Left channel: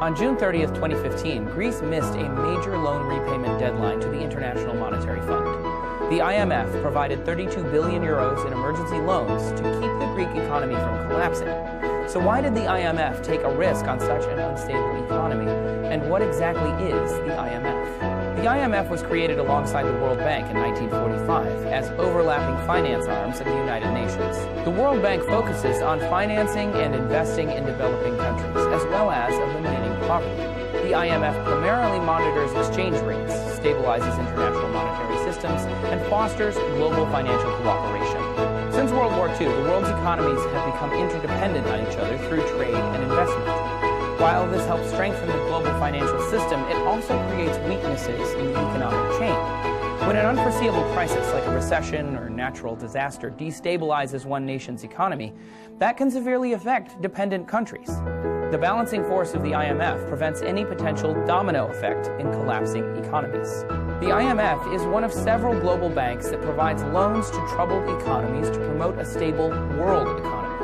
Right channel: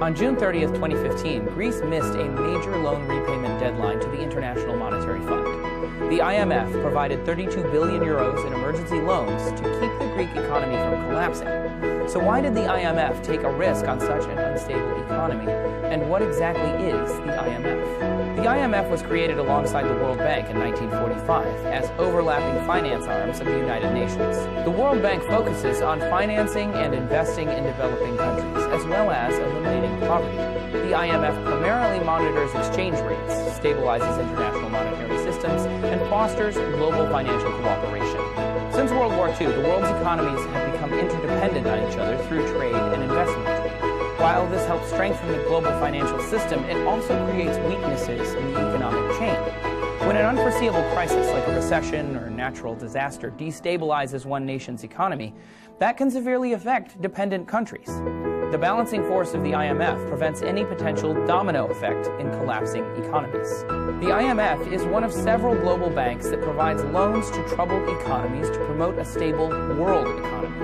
On June 30th, 2015, Greece missed a major loan repayment deadline to the International Monetary Fund. The IMF provided 32 billion euros in emergency loans to keep the Greek economy from collapsing. So why did the IMF take a risk on such an unstable economy? And what exactly is the IMF? The IMF was created alongside the World Bank in 1945 as overlapping finance arms of the United Nations. The World Bank focuses on financing and investing in developing countries, as well as eliminating poverty. The IMF primarily monitors exchange rates, stabilizes international monetary systems, and fosters global financial cooperation. Since World War II, the world's economies have become interdependent on each other through trade and investment. While this helps strengthen the global financial system, it also creates weaknesses in the economic chain. When an unforeseeable crisis like a recession or natural disaster destabilizes one nation's economy, that can severely affect dependent countries. The balancing force of the IMF prevents any potential domino effect in collapsing economies. The IMF is one of several global banks that provides loans to troubled economies to promote a stable world economy.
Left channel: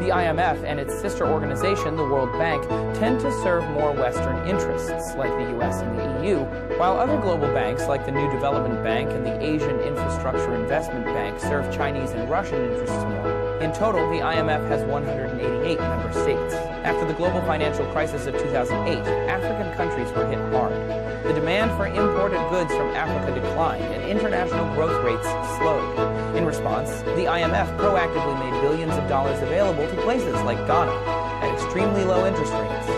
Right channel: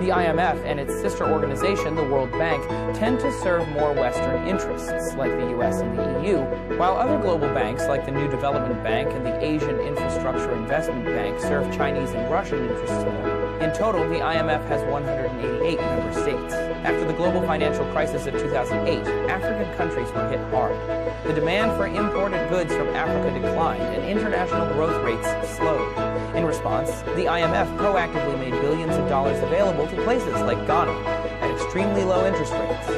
The IMF and its sister organization, the World Bank, tend to serve more Western interests, like the US and the EU, while other global banks, like the New Development Bank and the Asian Infrastructure Investment Bank, serve Chinese and Russian interests more. In total, the IMF has 188 member states. After the global financial crisis of 2008, African countries were hit hard. The demand for imported goods from Africa declined, and international growth rates slowed. In response, the IMF proactively made billions of dollars available to places like Ghana at extremely low interest rates.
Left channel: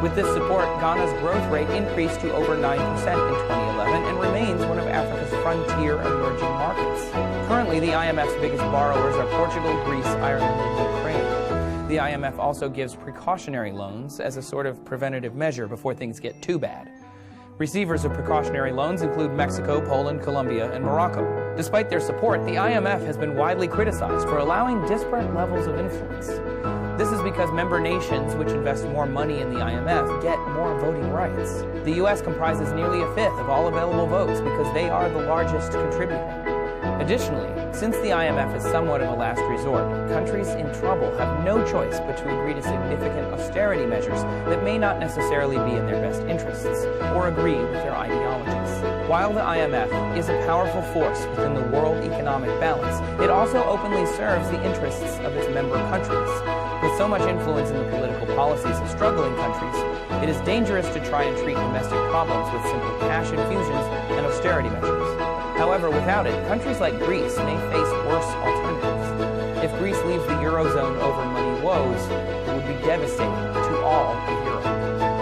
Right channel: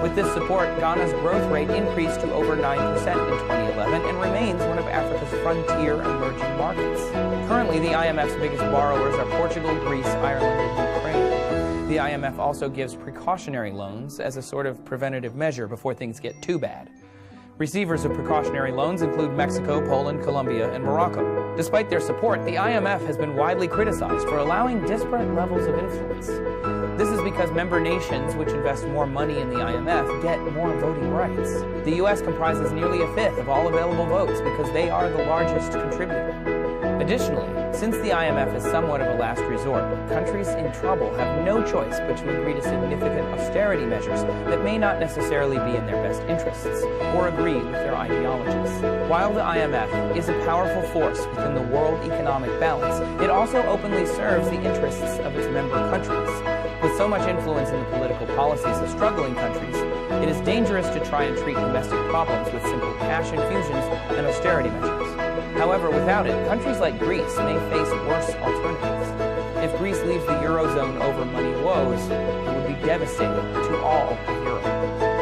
With this support, Ghana's growth rate increased to over 9% in 2011 and remains one of Africa's frontier emerging markets. Currently, the IMF's biggest borrowers are Portugal, Greece, Ireland, and Ukraine. The IMF also gives precautionary loans as a sort of preventative measure before things get too bad. Receivers of precautionary loans include Mexico, Poland, Colombia, and Morocco. Despite their support, the IMF has been widely criticized for allowing disparate levels of influence. This is because member nations which invest more money in the IMF get more voting rights. The US comprises nearly a fifth of all available votes because they are the largest contributor. Additionally, since the IMF is somewhat of a last resort, countries in trouble have no choice but to agree to significant austerity measures that may not necessarily be in their best interests or agree with their ideologies. While the IMF is a powerful force within the world economic balance, it also openly serves the interests of its member countries. With so much influence in the political policies of struggling countries, it is dangerous to try and treat domestic problems with simple cash infusions and austerity measures. However, without it, countries like Greece may face worse alternatives. If Greece leaves the Eurozone over money woes, it would be devastating to all of Europe.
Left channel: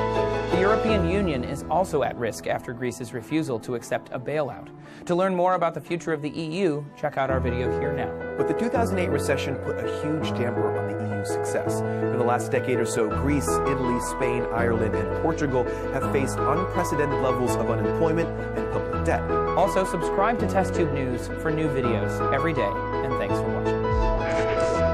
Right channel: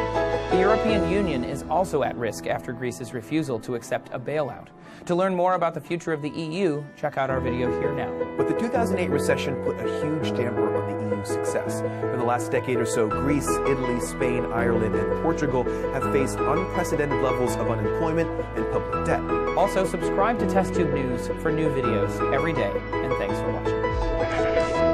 The European Union is also at risk after Greece's refusal to accept a bailout. To learn more about the future of the EU, check out our video here now. But the 2008 recession put a huge damper on the EU's success. For the last decade or so, Greece, Italy, Spain, Ireland, and Portugal have faced unprecedented levels of unemployment and public debt. Also, subscribe to TestTube News for new videos every day, and thanks for watching.